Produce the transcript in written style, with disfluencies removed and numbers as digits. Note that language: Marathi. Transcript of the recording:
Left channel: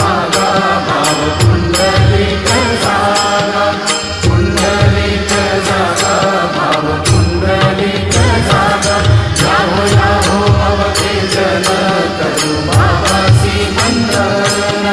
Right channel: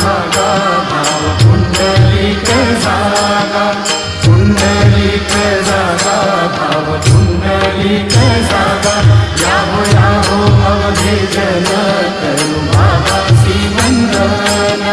भागा भाव पुंडलिक जागा, पुंडलिक जागा भाव पुंडलिक जागा। याहो अवधे जन करू भावासी वंदन,